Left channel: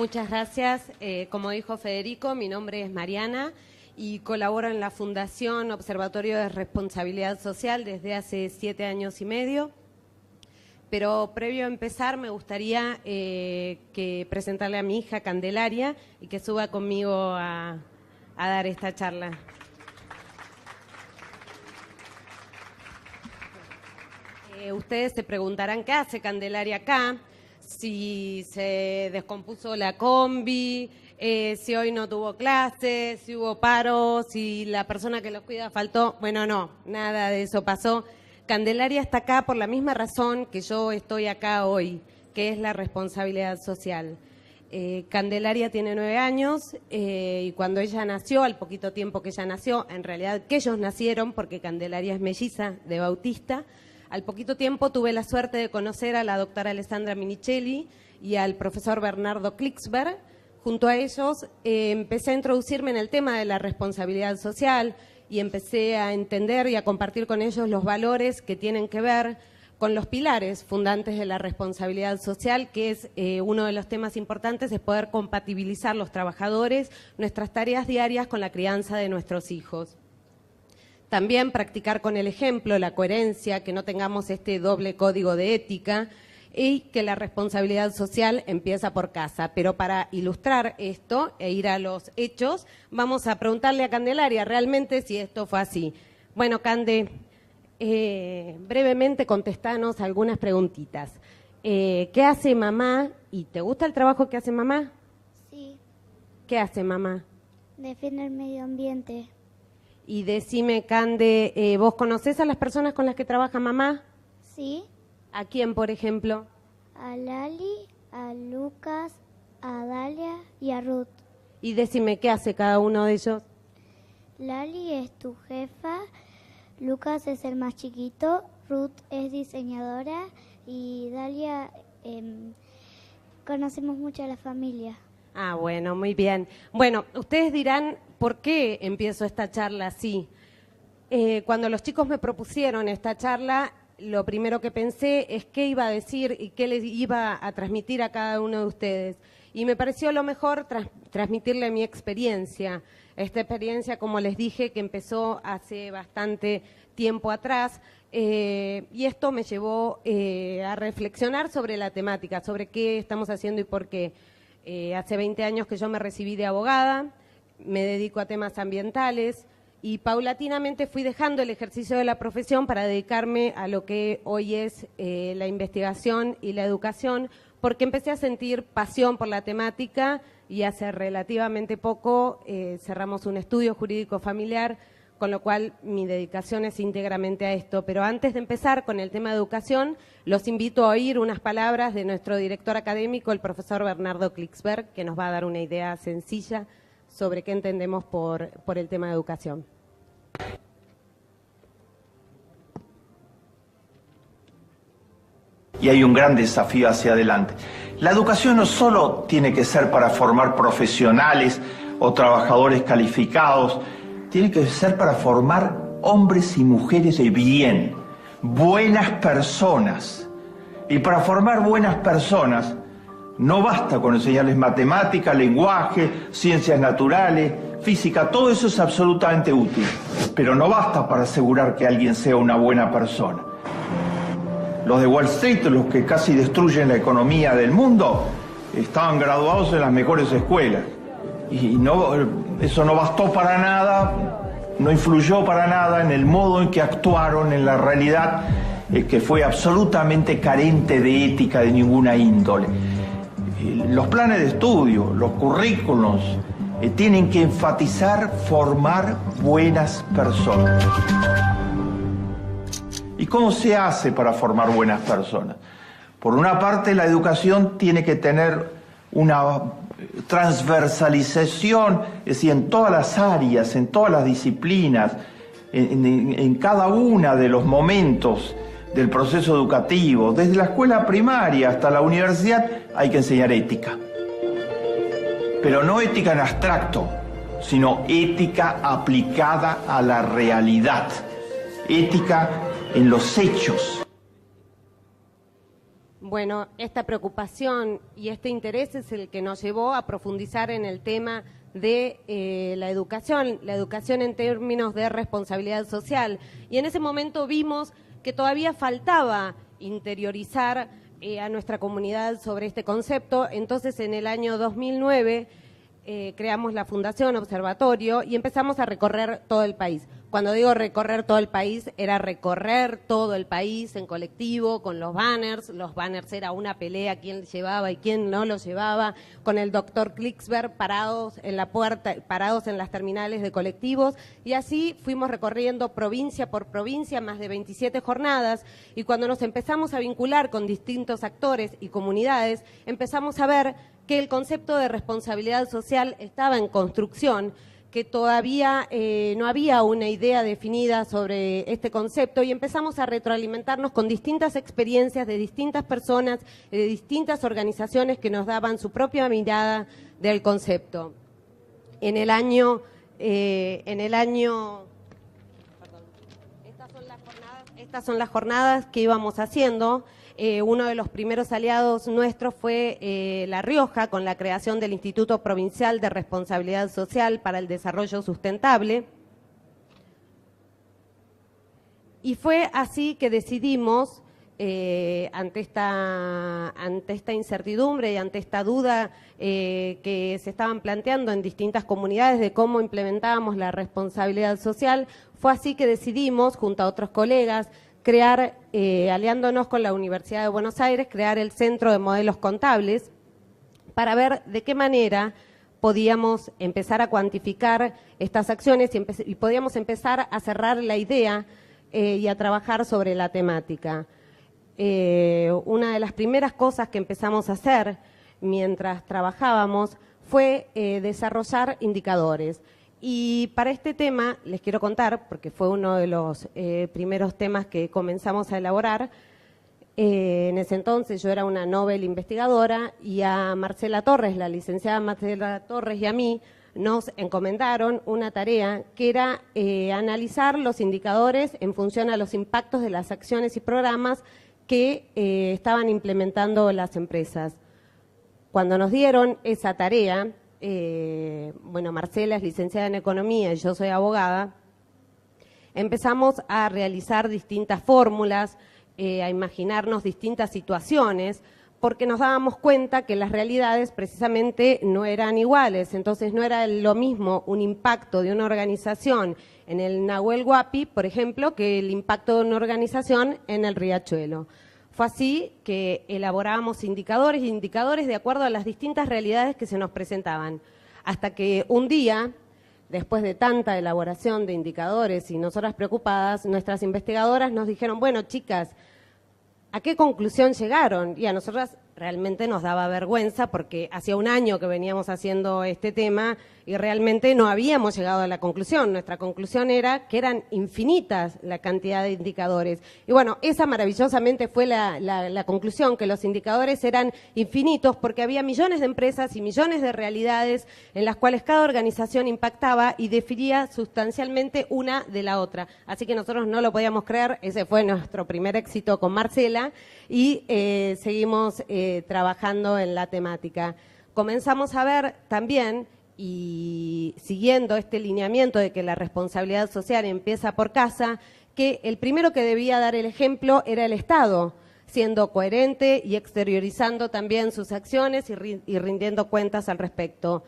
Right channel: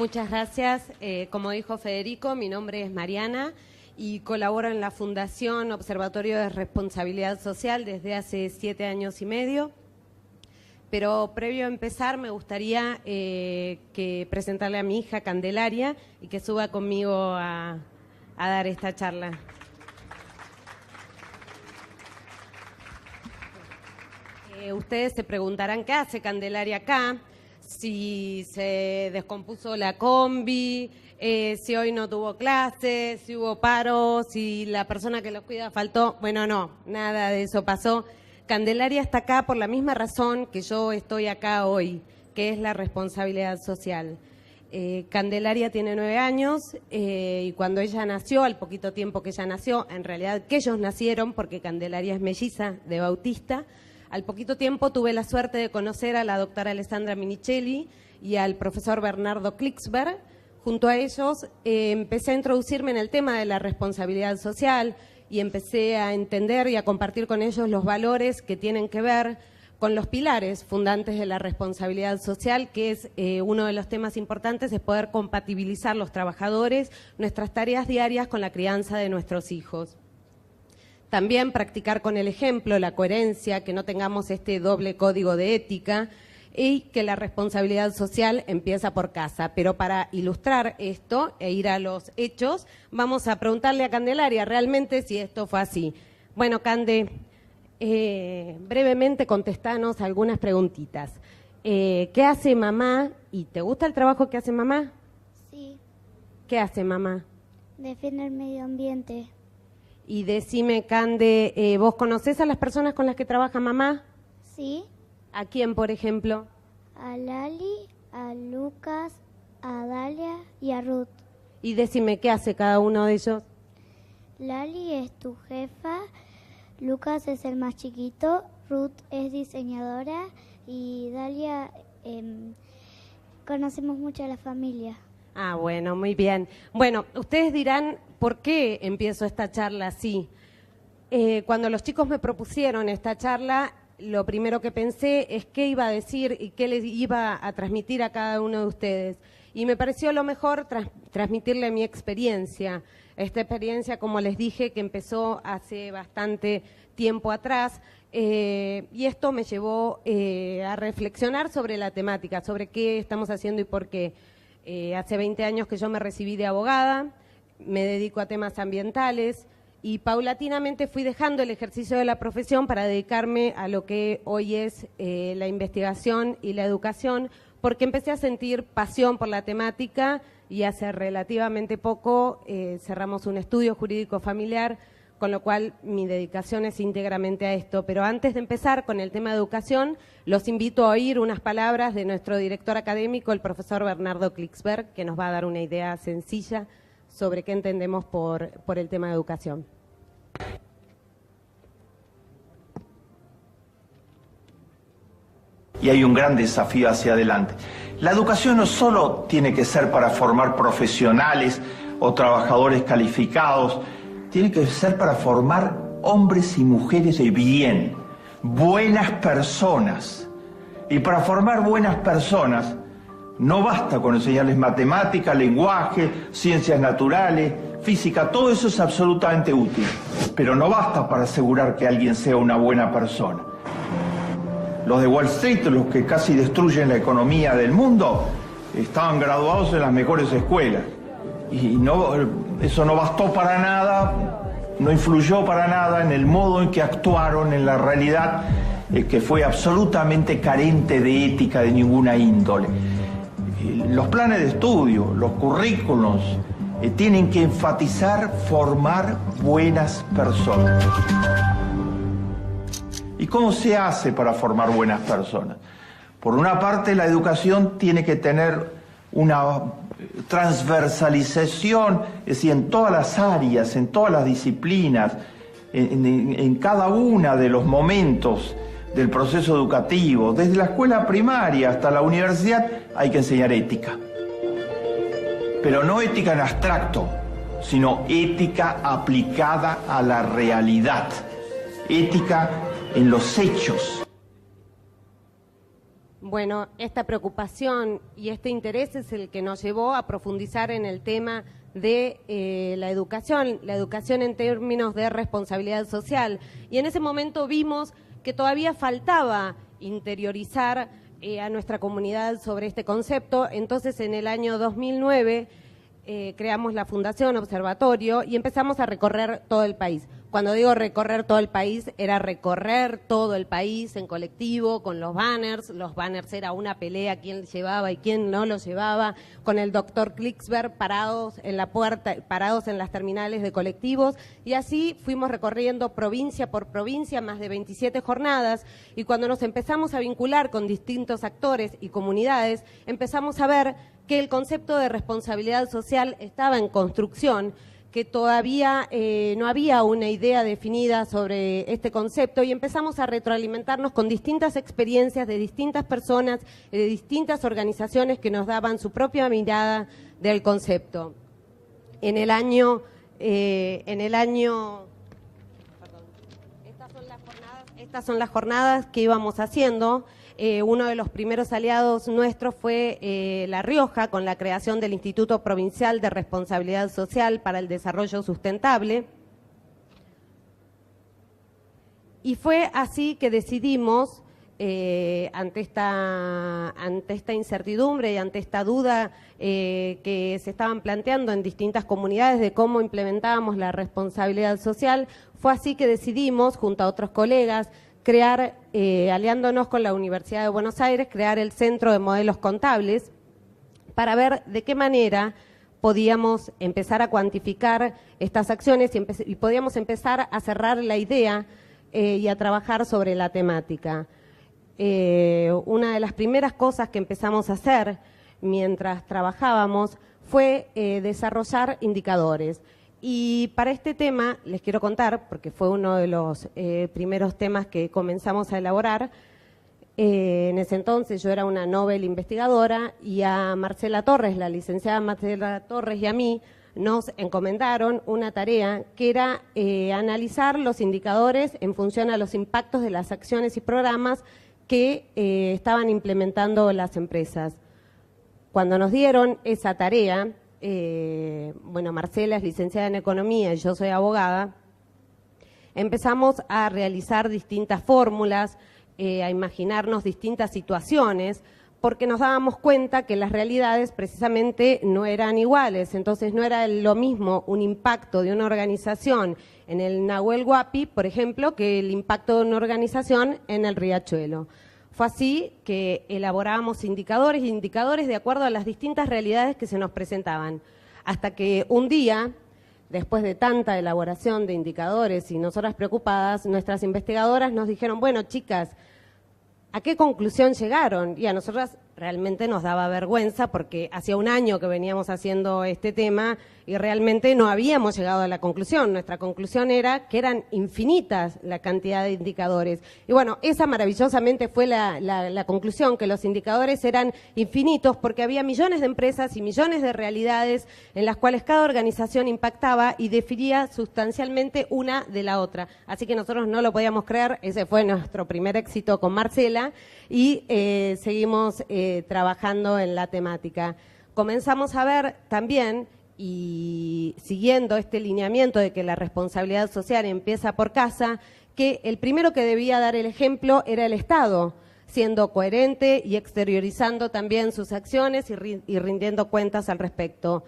Muchas gracias. Como dijo Federico, mi nombre es Mariana y colaboro en la Fundación Observatorio de Responsabilidad Social desde hace 7 años y medio. Pero previo a empezar me gustaría que presentarle a mi hija Candelaria y que suba conmigo a dar esta charla. Ustedes se preguntarán qué hace Candelaria acá, si se descompuso la combi, si hoy no tuvo clases, si hubo paro, si la persona que lo cuida faltó. Bueno, no, nada de eso pasó. Candelaria está acá por la misma razón que yo estoy acá hoy, que es la responsabilidad social. Candelaria tiene 9 años y cuando ella nació, al poquito tiempo que ella nació, en realidad que ellos nacieron, porque Candelaria es melliza de Bautista, al poquito tiempo tuve la suerte de conocer a la doctora Alessandra Minichelli y al profesor Bernardo Klicksberg. Junto a ellos empecé a introducirme en el tema de la responsabilidad social y empecé a entender y a compartir con ellos los valores que tienen que ver con los pilares fundantes de la responsabilidad social, que es uno de los temas importantes, es poder compatibilizar los trabajadores, nuestras tareas diarias con la crianza de nuestros hijos. También practicar con el ejemplo la coherencia, que no tengamos este doble código de ética y que la responsabilidad social empieza por casa. Pero para ilustrar esto e ir a los hechos, vamos a preguntarle a Candelaria realmente si esto fue así. Bueno, Cande, brevemente contestanos algunas preguntitas. ¿Qué hace mamá? ¿Y te gusta el trabajo que hace mamá? Sí. ¿Qué hace mamá? Defiende el medio ambiente. Y decime, Cande, ¿vos conocés a las personas con las que trabaja mamá? Sí. ¿A quién, por ejemplo? A Lali, a Lucas, a Dalia y a Ruth. Y decime, ¿qué hace cada uno de ellos? Lali es tu jefa, Lucas es el más chiquito, Ruth es diseñadora y Dalia conocemos mucho a la familia. Ah, bueno, muy bien. Bueno, ustedes dirán, ¿por qué empiezo esta charla así? Cuando los chicos me propusieron esta charla, lo primero que pensé es qué iba a decir y qué les iba a transmitir a cada uno de ustedes. Y me pareció lo mejor transmitirle mi experiencia. Esta experiencia, como les dije, que empezó hace bastante tiempo atrás. Y esto me llevó a reflexionar sobre la temática, sobre qué estamos haciendo y por qué. Hace 20 años que yo me recibí de abogada, me dedico a temas ambientales y paulatinamente fui dejando el ejercicio de la profesión para dedicarme a lo que hoy es la investigación y la educación, porque empecé a sentir pasión por la temática y hace relativamente poco cerramos un estudio jurídico familiar, con lo cual mi dedicación es íntegramente a esto. Pero antes de empezar con el tema de educación, los invito a oír unas palabras de nuestro director académico, el profesor Bernardo Klicksberg, que nos va a dar una idea sencilla sobre qué entendemos por el tema de educación. Y hay un gran desafío hacia adelante. La educación no solo tiene que ser para formar profesionales o trabajadores calificados, tiene que ser para formar hombres y mujeres de bien, buenas personas. Y para formar buenas personas no basta con enseñarles matemática, lenguaje, ciencias naturales, física, todo eso es absolutamente útil. Pero no basta para asegurar que alguien sea una buena persona. Los de Wall Street, los que casi destruyen la economía del mundo, estaban graduados en las mejores escuelas. Y eso no bastó para nada, no influyó para nada en el modo en que actuaron, en la realidad que fue absolutamente carente de ética de ninguna índole. Los planes de estudio, los currículos, tienen que enfatizar formar buenas personas. ¿Y cómo se hace para formar buenas personas? Por una parte, la educación tiene que tener una transversalización, es decir, en todas las áreas, en todas las disciplinas, en cada uno de los momentos del proceso educativo, desde la escuela primaria hasta la universidad, hay que enseñar ética. Pero no ética en abstracto, sino ética aplicada a la realidad, ética en los hechos. Bueno, esta preocupación y este interés es el que nos llevó a profundizar en el tema de la educación en términos de responsabilidad social. Y en ese momento vimos que todavía faltaba interiorizar a nuestra comunidad sobre este concepto. Entonces, en el año 2009 creamos la Fundación Observatorio y empezamos a recorrer todo el país. Cuando digo recorrer todo el país, era recorrer todo el país en colectivo, con los banners. Los banners era una pelea, quién llevaba y quién no los llevaba, con el doctor Klicksberg parados en la puerta, parados en las terminales de colectivos. Y así fuimos recorriendo provincia por provincia, más de 27 jornadas. Y cuando nos empezamos a vincular con distintos actores y comunidades, empezamos a ver que el concepto de responsabilidad social estaba en construcción, que todavía no había una idea definida sobre este concepto y empezamos a retroalimentarnos con distintas experiencias de distintas personas y de distintas organizaciones que nos daban su propia mirada del concepto. Estas son las jornadas que íbamos haciendo. Uno de los primeros aliados nuestros fue La Rioja, con la creación del Instituto Provincial de Responsabilidad Social para el Desarrollo Sustentable. Y fue así que decidimos, ante esta incertidumbre y ante esta duda que se estaban planteando en distintas comunidades de cómo implementábamos la responsabilidad social, fue así que decidimos, junto a otros colegas, crear, aliándonos con la Universidad de Buenos Aires, crear el Centro de Modelos Contables para ver de qué manera podíamos empezar a cuantificar estas acciones y podíamos empezar a cerrar la idea y a trabajar sobre la temática. Una de las primeras cosas que empezamos a hacer mientras trabajábamos fue desarrollar indicadores. Y para este tema les quiero contar, porque fue uno de los primeros temas que comenzamos a elaborar. En ese entonces yo era una Nobel investigadora y a Marcela Torres, la licenciada Marcela Torres y a mí, nos encomendaron una tarea que era analizar los indicadores en función a los impactos de las acciones y programas que estaban implementando las empresas. Cuando nos dieron esa tarea, bueno, Marcela es licenciada en Economía y yo soy abogada, empezamos a realizar distintas fórmulas, a imaginarnos distintas situaciones, porque nos dábamos cuenta que las realidades precisamente no eran iguales. Entonces no era lo mismo un impacto de una organización en el Nahuel Huapi, por ejemplo, que el impacto de una organización en el Riachuelo. Fue así que elaborábamos indicadores de acuerdo a las distintas realidades que se nos presentaban. Hasta que un día, después de tanta elaboración de indicadores y nosotras preocupadas, nuestras investigadoras nos dijeron, bueno, chicas, ¿a qué conclusión llegaron? Y a nosotras realmente nos daba vergüenza porque hacía un año que veníamos haciendo este tema y realmente no habíamos llegado a la conclusión. Nuestra conclusión era que eran infinitas la cantidad de indicadores. Y bueno, esa maravillosamente fue la conclusión, que los indicadores eran infinitos porque había millones de empresas y millones de realidades en las cuales cada organización impactaba y definía sustancialmente una de la otra. Así que nosotros no lo podíamos creer, ese fue nuestro primer éxito con Marcela y seguimos trabajando en la temática. Comenzamos a ver también, y siguiendo este lineamiento de que la responsabilidad social empieza por casa, que el primero que debía dar el ejemplo era el Estado, siendo coherente y exteriorizando también sus acciones y rindiendo cuentas al respecto.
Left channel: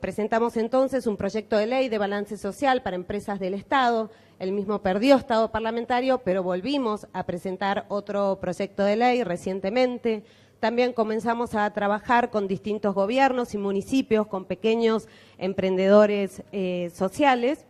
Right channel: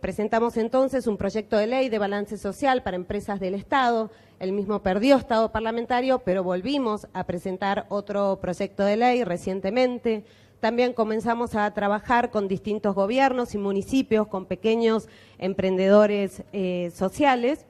Presentamos entonces un proyecto de ley de balance social para empresas del Estado. El mismo perdió estado parlamentario, pero volvimos a presentar otro proyecto de ley recientemente. También comenzamos a trabajar con distintos gobiernos y municipios, con pequeños emprendedores sociales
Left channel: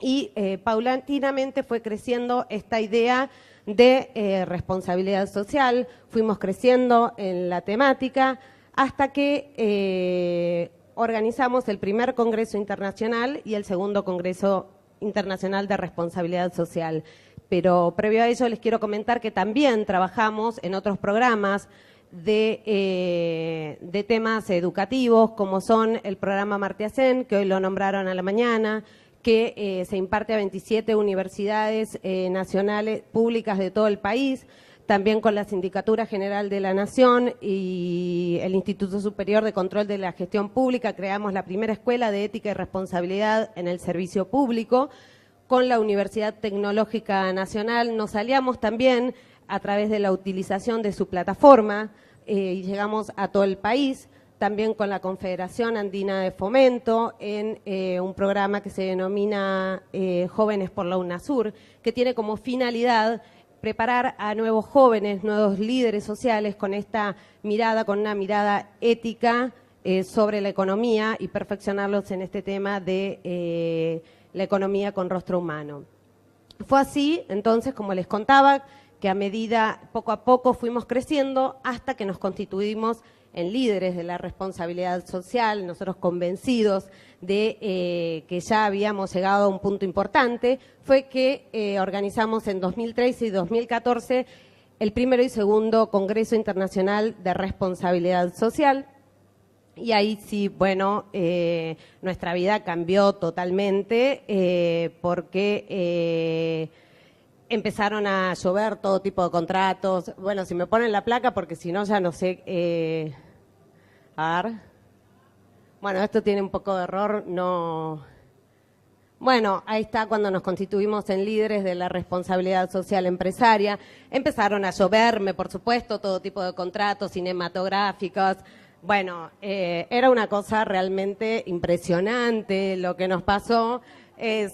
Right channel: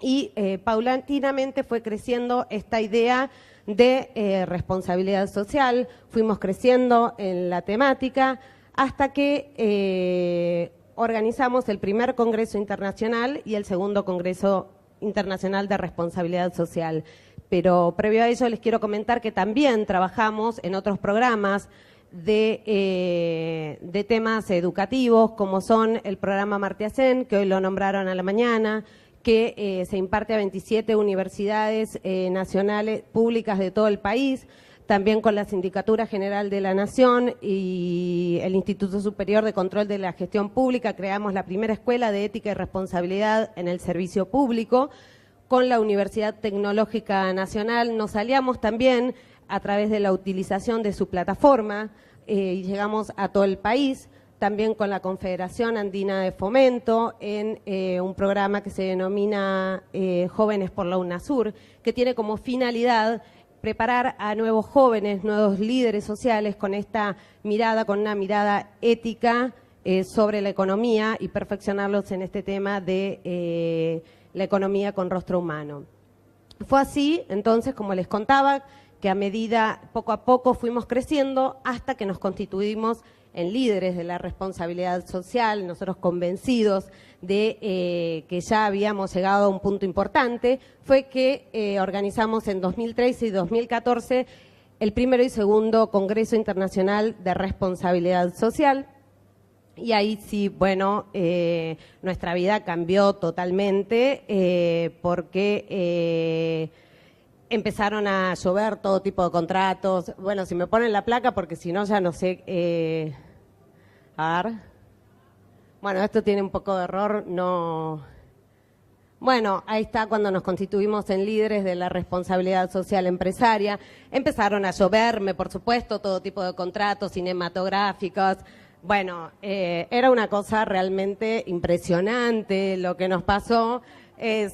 y paulatinamente fue creciendo esta idea de responsabilidad social. Fuimos creciendo en la temática hasta que organizamos el primer Congreso Internacional y el segundo Congreso Internacional de Responsabilidad Social. Pero previo a ello les quiero comentar que también trabajamos en otros programas de temas educativos, como son el programa Martiacén, que hoy lo nombraron a la mañana, que se imparte a 27 universidades nacionales públicas de todo el país. también con la Sindicatura General de la Nación y el Instituto Superior de Control de la Gestión Pública, creamos la primera escuela de ética y responsabilidad en el servicio público. Con la Universidad Tecnológica Nacional nos aliamos también a través de la utilización de su plataforma y llegamos a todo el país, también con la Confederación Andina de Fomento en un programa que se denomina Jóvenes por la UNASUR, que tiene como finalidad preparar a nuevos jóvenes, nuevos líderes sociales con esta mirada, con una mirada ética sobre la economía y perfeccionarlos en este tema de la economía con rostro humano. Fue así, entonces, como les contaba, que a medida, poco a poco, fuimos creciendo hasta que nos constituimos en líderes de la responsabilidad social, nosotros convencidos de que ya habíamos llegado a un punto importante, fue que organizamos en 2013 y 2014 el primero y segundo Congreso Internacional de Responsabilidad Social. Y ahí sí, bueno, nuestra vida cambió totalmente porque empezaron a llover todo tipo de contratos. Bueno, si me ponen la placa, porque si no ya no sé. A ver. Bueno, esto tiene un poco de error, no. Bueno, ahí está cuando nos constituimos en líderes de la responsabilidad social empresaria. Empezaron a lloverme, por supuesto, todo tipo de contratos cinematográficos. Bueno, era una cosa realmente impresionante lo que nos pasó,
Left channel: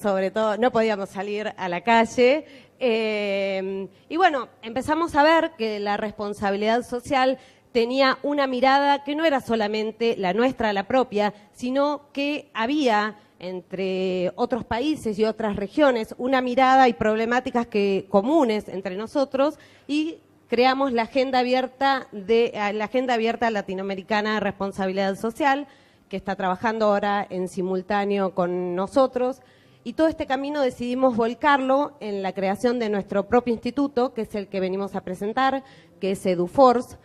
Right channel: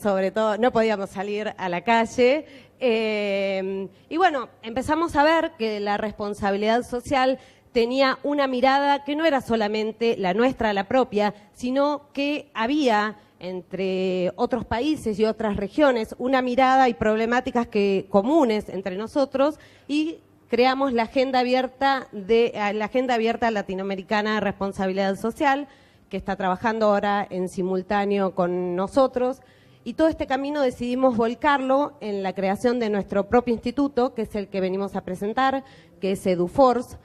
sobre todo no podíamos salir a la calle. Y bueno, empezamos a ver que la responsabilidad social tenía una mirada que no era solamente la nuestra, la propia, sino que había entre otros países y otras regiones una mirada y problemáticas comunes entre nosotros y creamos la Agenda Abierta Latinoamericana de Responsabilidad Social, que está trabajando ahora en simultáneo con nosotros. Y todo este camino decidimos volcarlo en la creación de nuestro propio instituto, que es el que venimos a presentar, que es EduForce,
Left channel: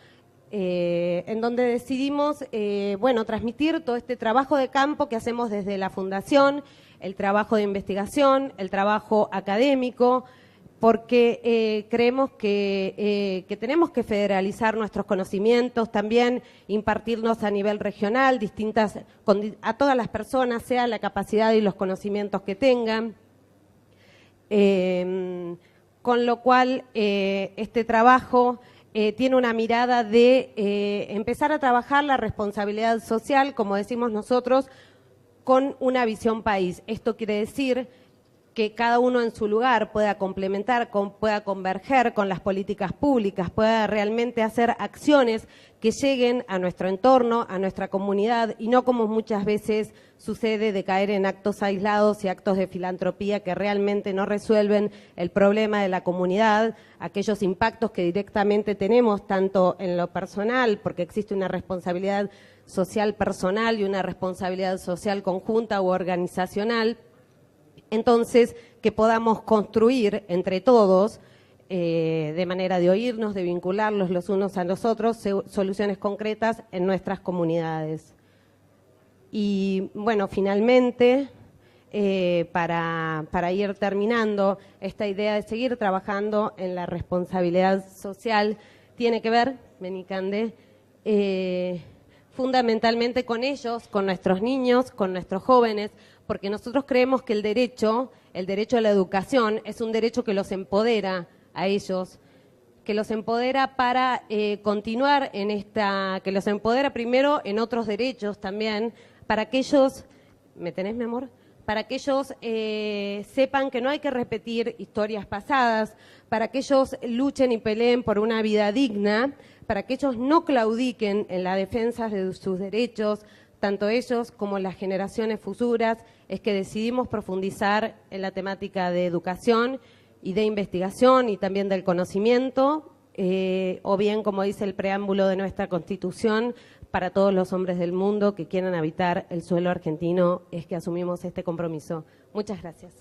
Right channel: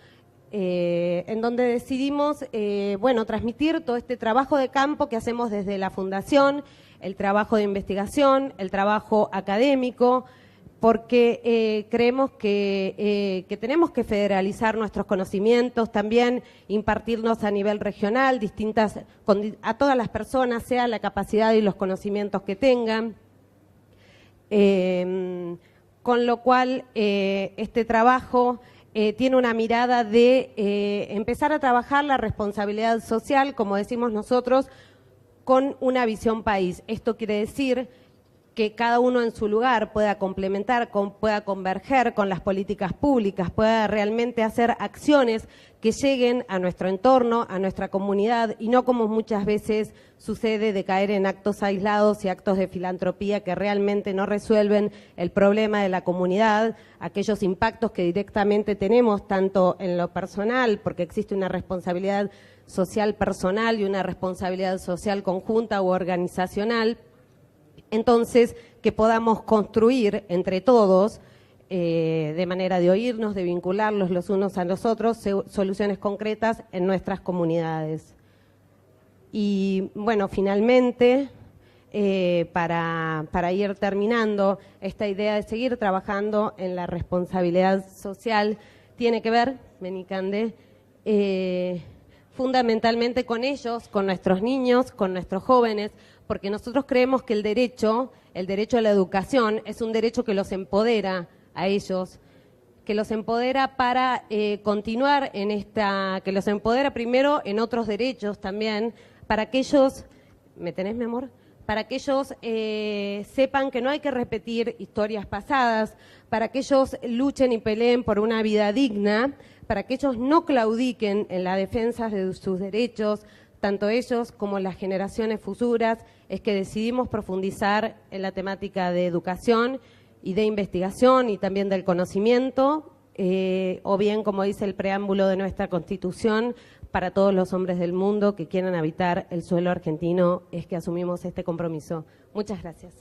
en donde decidimos transmitir todo este trabajo de campo que hacemos desde la Fundación, el trabajo de investigación, el trabajo académico, porque creemos que tenemos que federalizar nuestros conocimientos, también impartirlos a nivel regional, a todas las personas, sea la capacidad y los conocimientos que tengan. Con lo cual, este trabajo tiene una mirada de empezar a trabajar la responsabilidad social, como decimos nosotros, con una visión país. Esto quiere decir que cada uno en su lugar pueda complementar, pueda converger con las políticas públicas, pueda realmente hacer acciones que lleguen a nuestro entorno, a nuestra comunidad, y no como muchas veces sucede de caer en actos aislados y actos de filantropía que realmente no resuelven el problema de la comunidad, aquellos impactos que directamente tenemos, tanto en lo personal, porque existe una responsabilidad social personal y una responsabilidad social conjunta u organizacional. Entonces, que podamos construir entre todos, de manera de oírnos, de vincularlos los unos a los otros, soluciones concretas en nuestras comunidades. Y bueno, finalmente, para ir terminando, esta idea de seguir trabajando en la responsabilidad social tiene que ver, Menicande, fundamentalmente con ellos, con nuestros niños, con nuestros jóvenes, porque nosotros creemos que el derecho a la educación es un derecho que los empodera a ellos, que los empodera para continuar que los empodera primero en otros derechos también, para que ellos, ¿me tenés, mi amor? Para que ellos sepan que no hay que repetir historias pasadas, para que ellos luchen y peleen por una vida digna, para que ellos no claudiquen en la defensa de sus derechos, tanto ellos como las generaciones futuras. Es que decidimos profundizar en la temática de educación y de investigación y también del conocimiento, o bien, como dice el preámbulo de nuestra Constitución, para todos los hombres del mundo que quieran habitar el suelo argentino, es que asumimos este compromiso. Muchas gracias.